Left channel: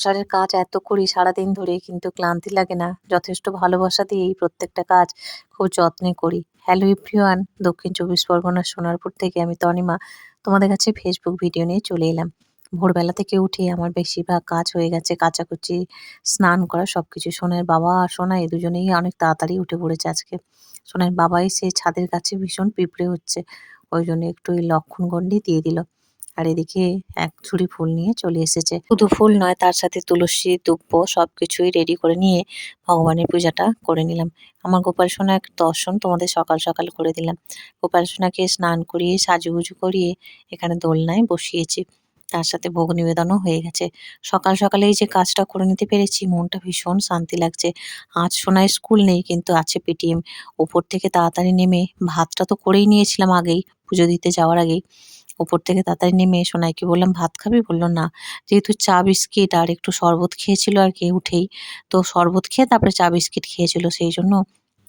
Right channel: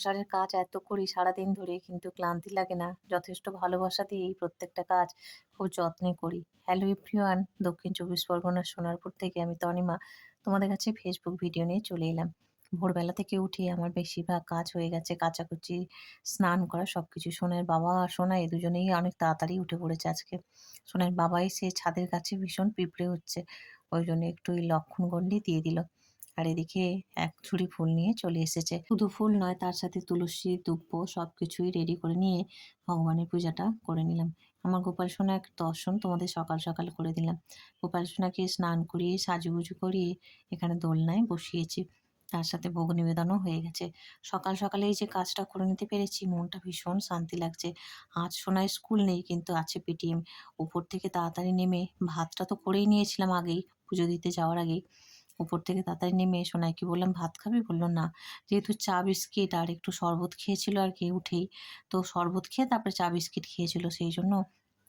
সংসারের কাজ এত করি সারাদিন ধরে কিন্তু ক্লান্তি লাগে না। যথেষ্ট ভালোবাসা দিয়েই প্রত্যেকটা কাজ খুব যত্নে করি। হ্যালো এভরিওয়ান, দক্ষিণ ২৪ পরগনার সোনারপুর থেকে আমি তনিমা তোমাদের কাছে ফেসবুক ভিডিও নিয়ে চলে এলাম। ভোরবেলা থেকে উঠে আমার বেশিরভাগ কাজ হয়ে গেছে, কাচাকুচি, স্নান করা সবকিছু। সোনার বাবা আর সোনাই দুজনেই অনেক তাড়াতাড়ি উঠে পড়েছে আজকে। সোনার বাবা এসে ছাদের কাছে ভীষণ পিঁপড়ে হচ্ছে, ওই জন্য একটু ওই লক্ষণগণ্ডি দিয়ে দিল। আর এদিকে এক ঝুড়ি ফুল নিয়ে চলে এসেছে। শুধু ফুল নয়, তার সাথে তুলসী, দুব্ব সবকিছুই রেডি করে নিয়ে ভগবানের পূজাটা করে নিলাম। আমার গোপাল সোনার দর্শন তোমাদের সকাল সকাল করে দিলাম। গোপাল সোনাকে স্নান করিয়ে সাজুগুজু করিয়ে এখানে দোলনায় বসিয়েছি। তার সাথে ভোগ নিবেদনও হয়ে গেছে। সকাল সকালে এই যে কাজটা করে নিতে পেরেছি, মনটা ভীষণ শান্তি লাগছে। আজ সোনার স্কুল নেই, কিন্তু আছে পিটিএম। ওপর থেকে তাড়াতাড়ি নেমে ভাতটা তো করেই নিয়েছিলাম আগেই, পুজো দিতে যাওয়ার আগেই। উপর থেকে তাড়াতাড়ি নেমে সোনাইকে বললাম, "ভাত খাবি?" বলল, "না।" যেহেতু চা বিস্কিট আর একটু শরবত খেয়েছিল আরকি উঠেই। তো শরবত খেয়ে তারপরে চা বিস্কিট খেয়েছিল। সেইজন্য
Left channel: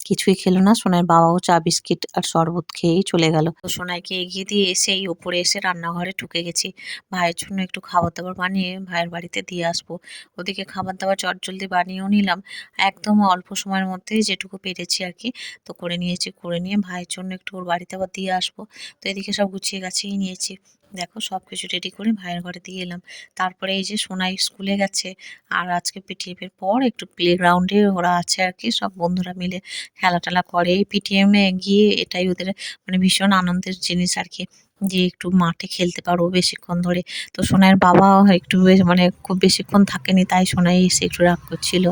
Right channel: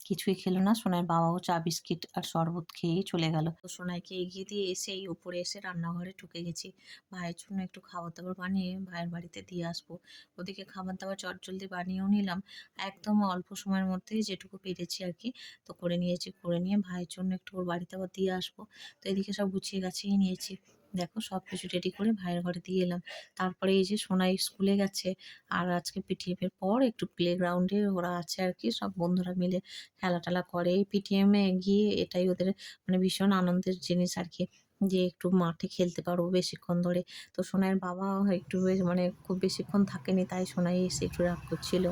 কিছুই খেলো না। সোনাইয়ের বাবাও চা বিস্কিট আর শরবত খেয়েই চলে গেল। তো সোনাইকে এগিয়ে দিয়ে এসেই উপরে এসে রান্নাঘরে ঢুকে গেছি। ভাইয়ের জন্য একটু খাবার-দাবার বানিয়ে ভাইয়ের বাড়িতে দিয়ে আসবো। ওদিকে খাবার-দাবার চটজলদি বানিয়েও নিলাম। একদম অল্প সময়ের মধ্যেই যেটুকু পেরেছি আরকি। তো করে নিয়েছি। করে নিয়ে ভাইয়ের জন্য একটু ওর বাড়িতে আবার দিয়ে আসবো। তো এদিকে সব গুছিয়ে গাছিয়ে নিয়েছি। দেখো সবকিছু রেডি করে ভাইয়ের ঘরে দিয়ে এলাম। তারপরে এই যে সোনাই স্কুলে গেছে। আর আজকে পিটিএম এর পর একটু প্লেগ্রাউন্ডে ওরা আছে আরকি, সব বন্ধুরা মিলে খেলা-টেলা করে। এই পিটিএম এ গিয়ে এটাই ওদের মানে ভীষণ আনন্দের জিনিস আরকি। যে একটু মাঠে খেলতে পারবো বেশিক্ষণ ধরে। তো সোনাইয়ের বাবা একটু মানে খুব বেশিক্ষণ থাকেনি, তাই সোনাই এসে একটু রাগ করছিল।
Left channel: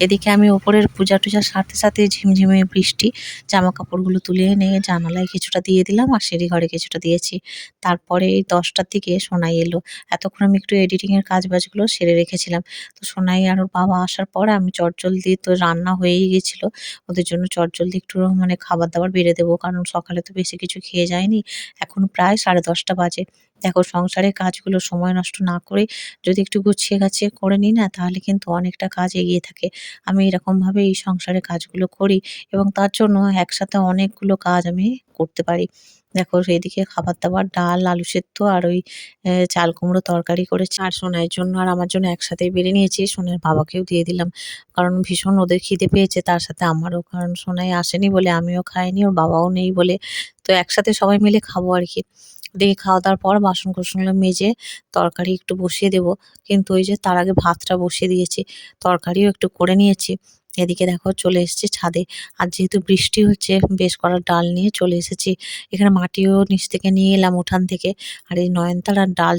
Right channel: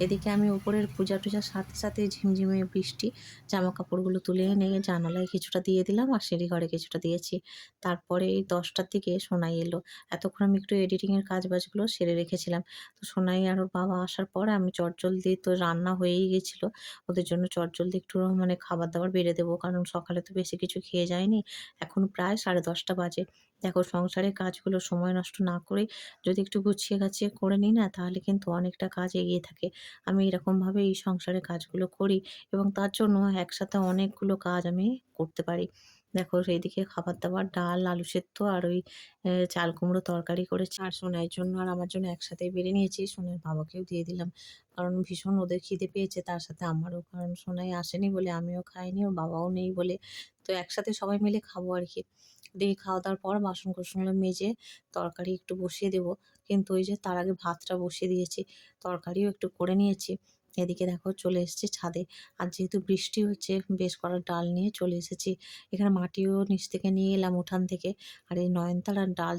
এদিকে আমি ওপরের পূজা-টুজার সাথে, সাথে ঝিমঝিমে বৃষ্টি। জামাকাপড়গুলো তুলে এনে জানালায় কিছুটা দিয়ে দিলাম আর সিঁড়িঘরে কিছুটা দিয়েছি। তারপরে এই ১০টার দিকে সোনাই এলো। এতক্ষণ আমি একটু এডিটিং এর কাজ-বাজগুলো সেরে রেখেছিলাম। তো সোনাই আর ওর বাবা আসার পর আমি চটজলদি, তো রান্না হয়েই গেছিল। ওদের জন্য চটজলদি একটু মানে খাবার-দাবার বেড়ে দেবো। কারণ সকালে তো বেশি কিছু খেয়ে যায়নি। এখন প্রায় 10:30 বাজে। দেখো সংসারের কাজগুলো সময় নষ্ট না করে যদি একটু গুছিয়ে গাছিয়ে করে নিই না, তাহলে কিন্তু অনেকটা কাজ এগিয়ে থাকে। আমি এরকমভাবে এই সংসারের কাজগুলো করি এবং তার জন্য একসাথে অনেকগুলো কাজ আমি করতে পারি। দেখো এদিকে খাবার-দাবার, ডাল, আলু সেদ্ধ আর ওই চাল কুমড়ো তরকারি করেছি। আর সোনাইয়ের জন্য আর আমার জন্য একসাথেই বেড়ে নিয়েছি। সোনাইয়ের বাবাকেও দিয়ে দিলাম। কারণ ভীষণ ওদের খিদে পেয়েছে, তার সাথে আমারও। কারণ সোনাই আসেনি বলে আমিও খাইনি, ওর বাবাও নেই বলে। তো একসাথে সবাই মিলে খাবো আরকি। এদিকে খাওয়া-দাওয়ার পর বাসন-কোসনগুলো মেজে তরকারি একটু বসিয়ে দেবো। কিন্তু ওই যে তার আগে ভাতটা বসিয়ে দিয়েছি। তরকারিও একটু করে নিয়েছি। এদিকে দেখো চলে এসেছি ছাদে। আর যেহেতু বৃষ্টি হচ্ছে, বেশ করা ডাল নিয়ে চলে এসেছি। এখানে মাটিও নিচ থেকে নিয়ে এলাম উঠান থেকে। আর এই নয়নতারার ডাল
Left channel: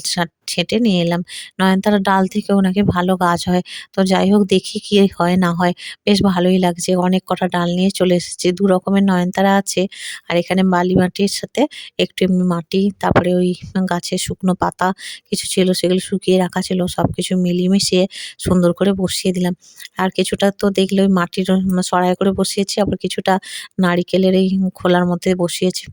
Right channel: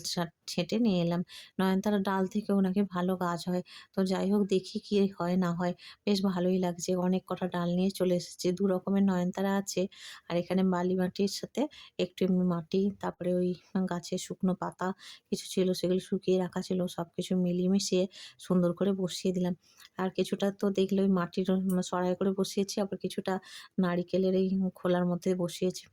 ছেঁটে নিয়ে এলাম। নয়নতারার ডাল থেকেও নাকি ভালো গাছ হয়। তো যাই হোক, দেখি কি হয় না হয়। বেশ ভালোই লাগছে। অনেক কটা ডাল নিয়ে চলে এসেছি। ২ রকমের নয়নতারা আছে। আর এখানে বালি মাটির সাথে একটু এমনি মাটি, তারপরে ওই গাছের শুকনো পাতা কিছু ছিল, সেগুলো শুকিয়ে রাখা ছিল। সবকিছু মিলিয়ে মিশিয়ে সুন্দর করে বসিয়ে দিলাম। আর কিছুটা তো দেখলে ওই মাটির সরাই করে বসিয়েছি, আবার কিছুটা নারিকেলের এই খোলার মধ্যে বসিয়েছি।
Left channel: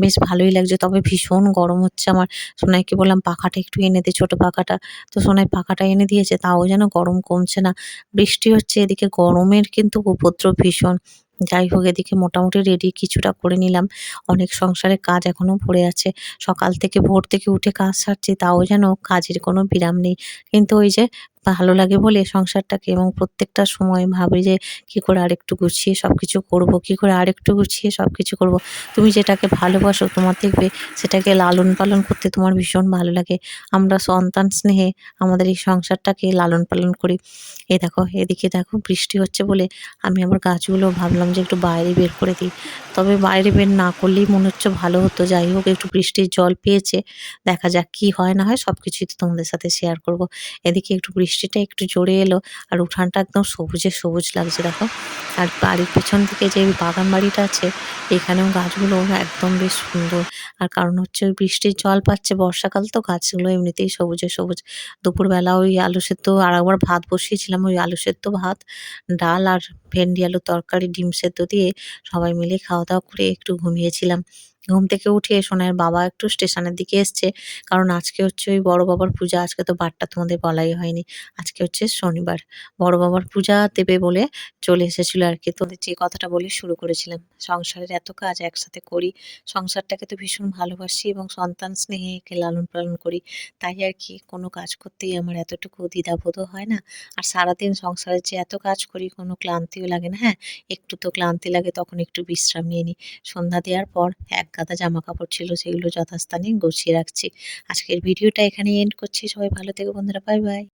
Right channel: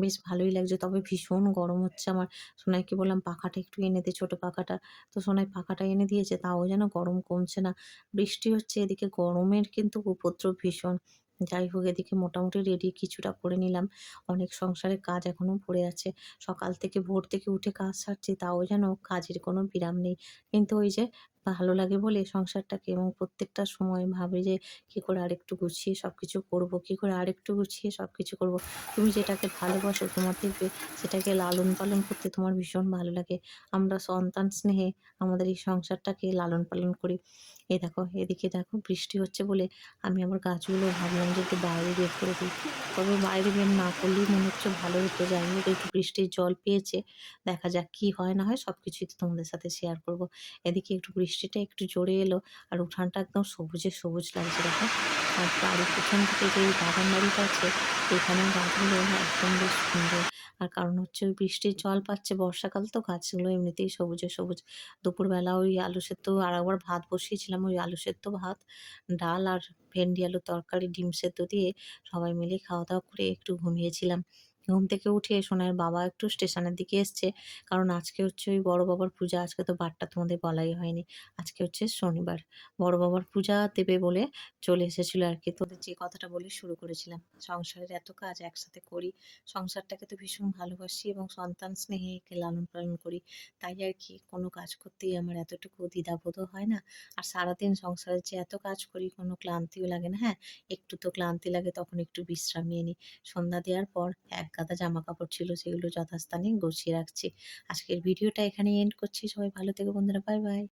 বেশ ভালোই লাগছে। তবে ভীষণ গরম হচ্ছে আমার। সোনাইকে বললাম, "পাখাটা একটু এনে দে, ছোট পাখাটা।" তো সোনাই পাখাটা এনে দিয়েছে, তাও যেন গরম কমছে না। বৃষ্টি হচ্ছে, এদিকে গরমের কিন্তু উপদ্রব ভীষণ। যাই হোক, এদিকে মোটামুটি রেডি কিছুটা করে নিলাম। অনেক সংসারের কাজ এখনো পড়ে আছে। সকাল থেকে ভোর থেকে উঠে কাজ সারছি, তাও যেন কাজের কোনো বিরাম নেই। কিন্তু ওই যে ভালো লাগে বলে সংসারটাকে, এবং প্রত্যেকটা সময় ভাবি যে কি করে আরেকটু গুছিয়ে সবকিছু করব, কি করে আরেকটু গুছিয়ে সবকিছু করব। তুমি যেটাকে ভালোবাসো, তোমার দেখবে সেটাকে লালন পালন করতে তোমার ভীষণ ভালো লাগে। আমরা সন্তান স্নেহে আমাদের এই সংসারটাকে লালন পালন করি। এই দেখো, এদিকে দেখো বৃষ্টি হচ্ছে বলে আমি আমার গাছগুলো ভাবলাম যে একটু বাইরে বের করে দিই। তবে বাইরে বের না করলেই মনে হচ্ছে ভালো হতো। যাই হোক, একটু বৃষ্টির জল পেয়েছে। দেখা যাক কি হয় না হয়, সবকিছুই তো তোমাদের সাথে শেয়ার করব। এদিকে একটু বৃষ্টিটা একটু জোরে এলো আর উঠানটা একদম সবুজে সবুজ লাগছে দেখো। আর বাড়ির পিছন থেকে যে বাগান বাড়িটা আছে, এখানেও গাছগুলো একদম বেশ সুন্দর। আর কারণ হচ্ছে ওই বৃষ্টির জল পাচ্ছে, বর্ষাকাল তো গাছগুলো এমনিতেই সবুজে সবুজ। দুপুরবেলা ওই আলু সেদ্ধ আর একবার ভাত বসিয়েছিলাম, ওই আলু সেদ্ধ ভাত, ডাল আর ভেন্ডি আলুর তরকারি, ডিম সেদ্ধ দিয়ে সবাই মিলে খাওয়া-দাওয়া করে একটু ঘুমিয়েছিলাম। ঘুম থেকে উঠে সোনাইয়ের বাবা একটু স্টেশনের দিকে এসছে। কারণ আজকে হচ্ছে ওই বড় বাবার পূজা। আজকে তো বারটা তোমাদের বলাই হয়নি। আজকে হচ্ছে শনিবার। বড় বাবার পূজা দেবে বলে চলে এসেছিল আরকি। তোদের যে কথাটা বলে শুরু করেছিলাম। সংসারের এত কাজ একসাথে করি। সংসারটাকে তো ভীষণ ভালোবাসি এবং সন্তান স্নেহে একে লালন-পালন করি। তাই আরকি কোনো কাজ করতেই আমার এতটুকু দ্বিধাবোধও হয় না। আর সারাদিন সংসারের যে এত কাজ করি কোনো ক্লান্তিও লাগে না। হ্যাঁ, একটু তো ক্লান্তি লাগে তখন একটু বিশ্রাম নিয়ে নিই। সন্ধ্যা দেওয়ার পর এক গাদা জামাকাপড় ছিল সেগুলো যথাস্থানে গুছিয়ে রাখছি। আজকের ভিডিওটা এখানেই এন্ড করছি। সবাই ভালো থেকো বন্ধুরা। Bye, by.